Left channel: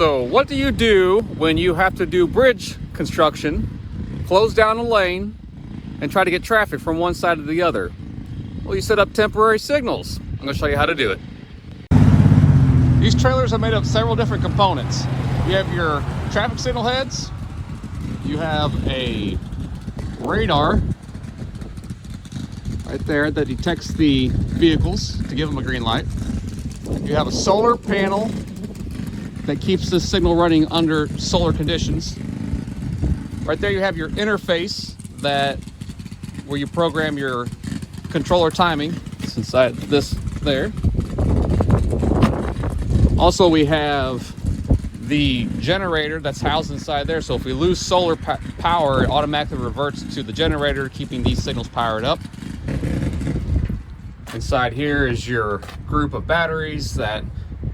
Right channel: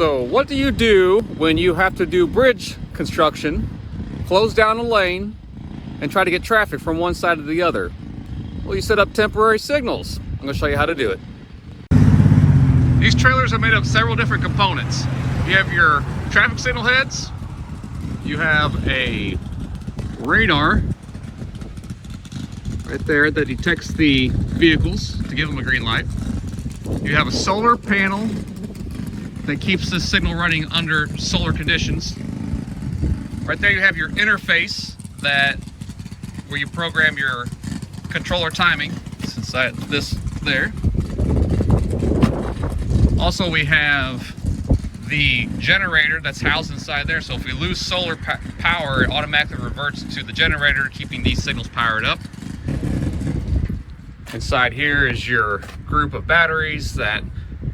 So what do you do when you have to do bridge construction, close down a lane, and try to get traffic from one side to the other? Well, you set up temporary signals. I'm going to show you how to do it. These trailers are made of several different components. You have your traffic signal heads, you have a radar right there that detects the vehicles to give them a green light. You have a solar panel that keeps the signal running under solar conditions. Right there you have your interface where you program your controller timing. It's inside this there. Also we have the generator that's housed inside there, so if we lose solar power, it automatically reverts to the generator, keeping these signals powered up. Inside here is your group of batteries that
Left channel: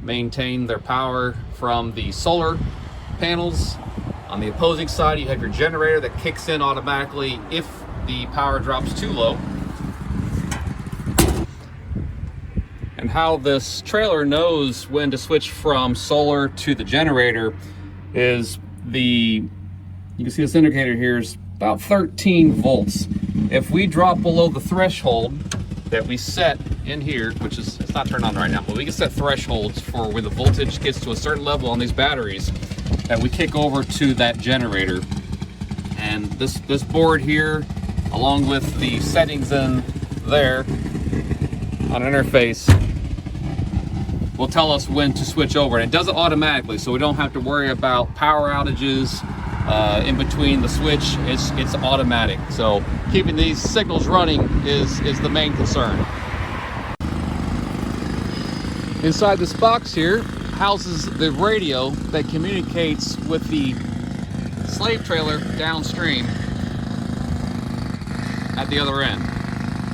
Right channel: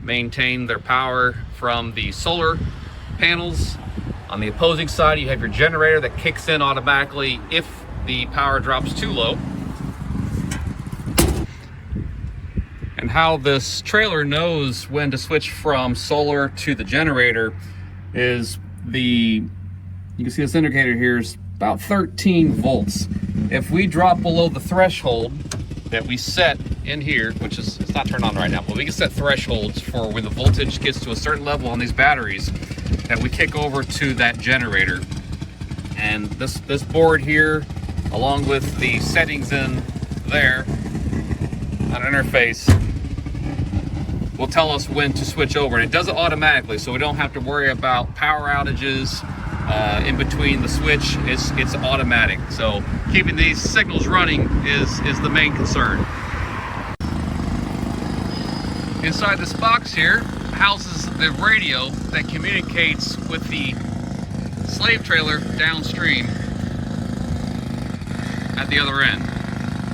maintain their power from the solar panels. On the opposing side, you have your generator that kicks in automatically if the power drops too low. And how this trailer knows when to switch from solar to the generator is you can see this indicator here is about 13 volts. If we drop below the threshold that we set in here, which is, it's not turned on right now, but we can set thresholds for when the voltage gets to a certain level on these batteries that we kick over to that generator. And this board here, along with the settings in there on an interface, will tell us when to switch over. And it does it automatically, so we don't have to worry about power outages in between the switch. It's automatic. So keeping these signals running is the main concern. Inside this box here houses the radio that communicates with the slave trailer downstream at the other end.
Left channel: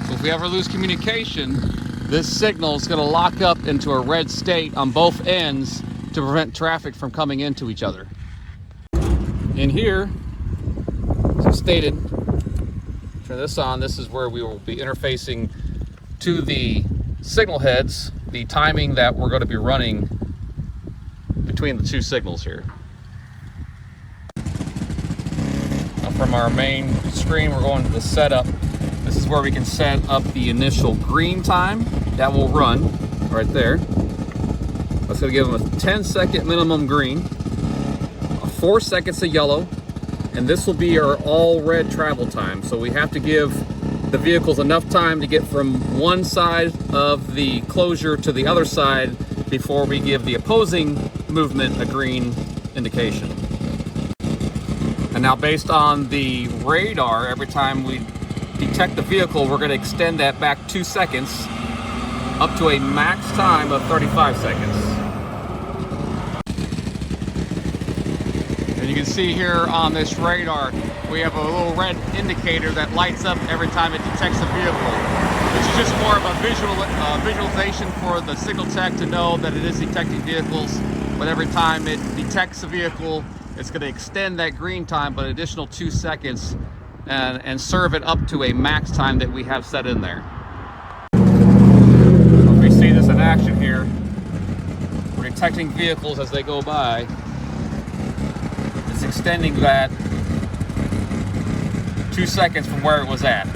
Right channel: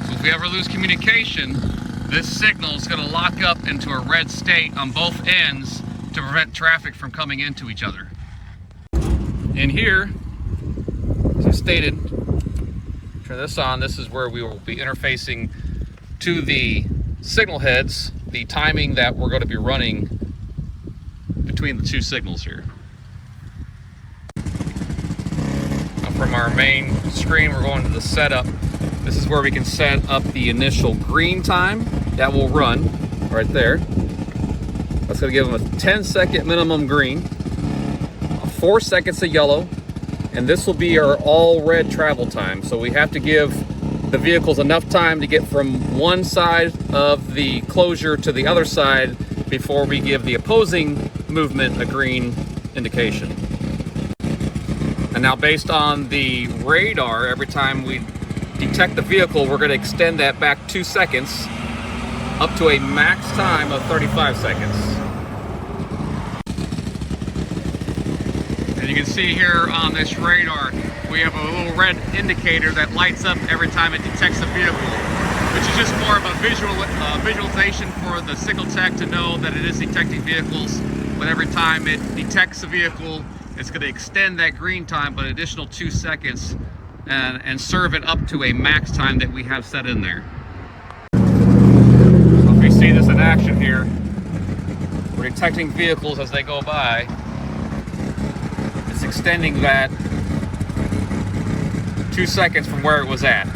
So if we ever lose communication, this signal is going to lock up into a red state on both ends to prevent traffic from coming into each other. In here, as I stated, turn this on, this is where we will be interfacing to the signal heads, the timing that we're going to be running between the two signals here. Now from our main screen, we're going to the setup. This is where we can set up the initial green time that will run right there. That's going to give them a 10-second minimum green, 4 seconds of yellow, and this will be our all red travel time. So we have to give the vehicles enough time to get from one side of the closure to the other side before we give the opposing movement a green indication. And now based on the radar, every time we detect the vehicle, we're going to extend that back 2 seconds up to a max time of 35 seconds. And you can see here on this radar, we have a little red indicator that lights up every time it detects a vehicle, which is just more of a visualization for the signal tech to know that it is detecting vehicles. But every time it detects a vehicle, it's going to extend that green time by an additional 2 seconds and serve it up to a max time that we have set in there. So if we see this in action here, we're detecting vehicles as they go by. It's extending that 2 seconds from where it was at.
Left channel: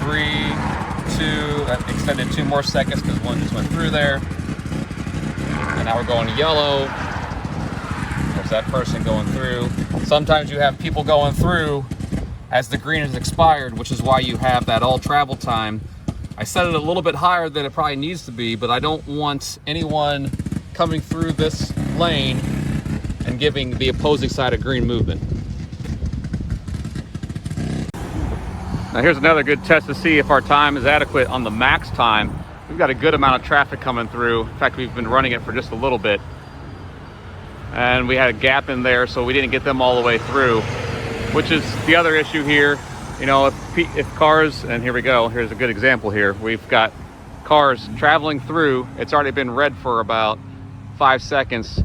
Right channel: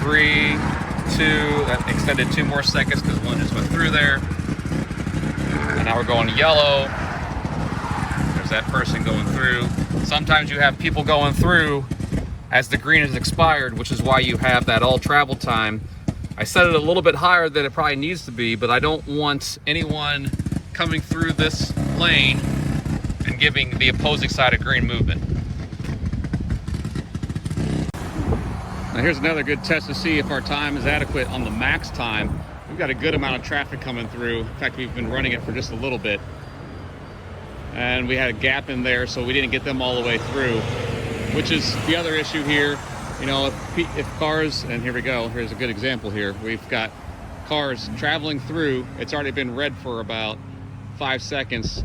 3, 2, that extended 2 more seconds because one just went through there. And now we're going yellow. There's that person going through. Sometimes you have people going through as the green has expired, which is why you have that all travel time. I set it a little bit higher than it probably needs to be, but I don't want anyone coming through this lane and giving the opposing side a green movement. Now here's another good test to see if our time is adequate on the max time. We've got a good amount of traffic coming through. In fact, we've been running it for just a little bit. And we had a gap in there, so we didn't get them all the way through, which is the other issue here. You know, if cars, and here we go, here's a good example here. We've got cars traveling through. It's already been red for about 5 seconds,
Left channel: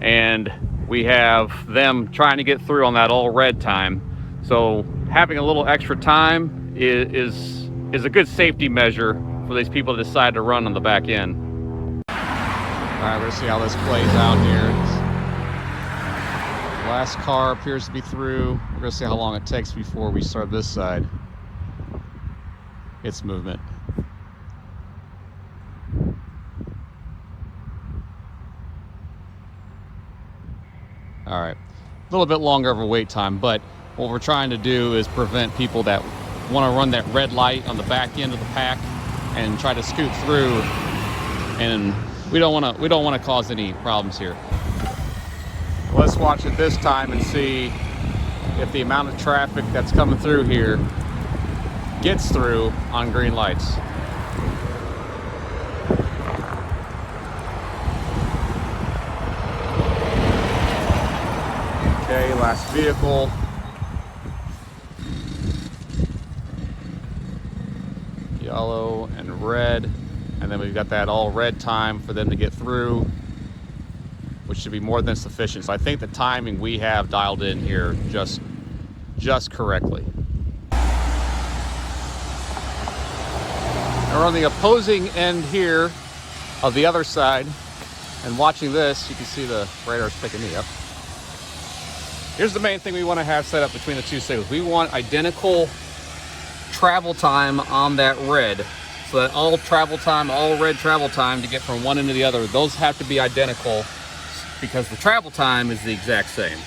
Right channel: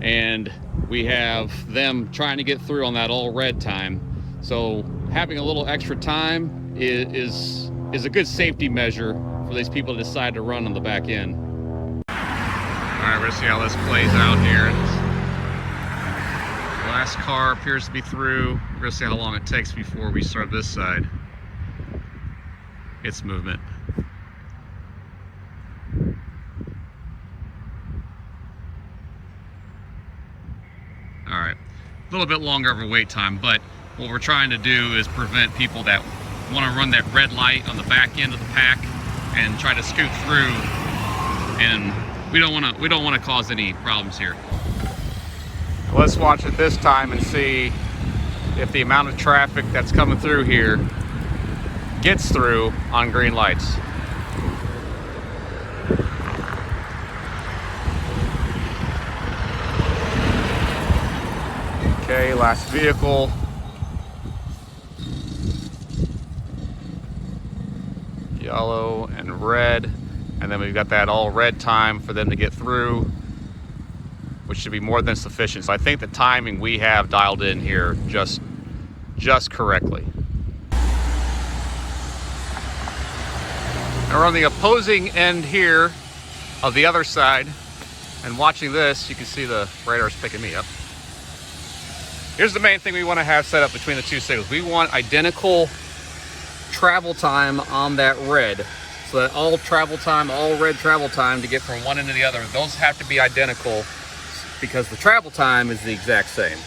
and we have them trying to get through on that all red time. So having a little extra time is a good safety measure for these people to decide to run on the back end. All right, we're gonna see how this plays out here. Last car appears to be through. We're gonna see how long it takes before we start this side. Its movement. All right, a little bit longer of a wait time, but what we're trying to do is prevent people that want to run that red light on the back end of the pack and try to scoot through, and we don't want to cause any problems here. Let's watch it this time and see if the amount of traffic that's coming through here gets through on green lights. Okay, last vehicle. Yellow and red, and then we've got that all red time for them to get through, which should be more than sufficient. So I think the timing we have dialed in here just correctly. And we're on the opposing end here of the other side, and watching this, you can see the radar's picking me up. Here's the main thing we want to have set up between the two signals. We want identical travel time on that red, so that all travel time, all red travel time to get from one end to the other, those have to be identical because the travel time is the exact same.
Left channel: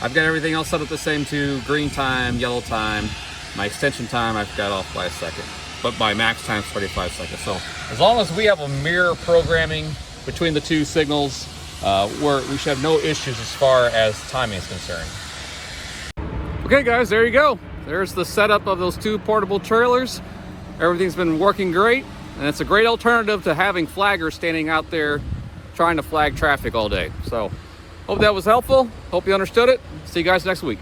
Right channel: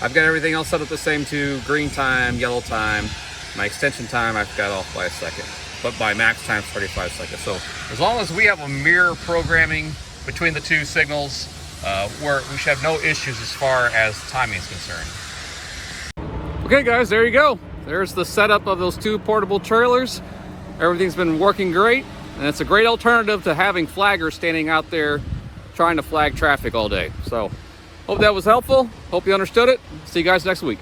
I've got everything else set up the same too. Green time, yellow time. My extension time I've got off by a second, but my max time is 45 seconds. So as long as we have a mirror programming between the two signals, we should have no issues as far as timing is concerned. Okay guys, there you go. There's the setup of those two portable trailers. Everything's been working great, and it's a great alternative to having flaggers standing out there trying to flag traffic all day. So hope that was helpful. Hope you understood it. See you guys next week.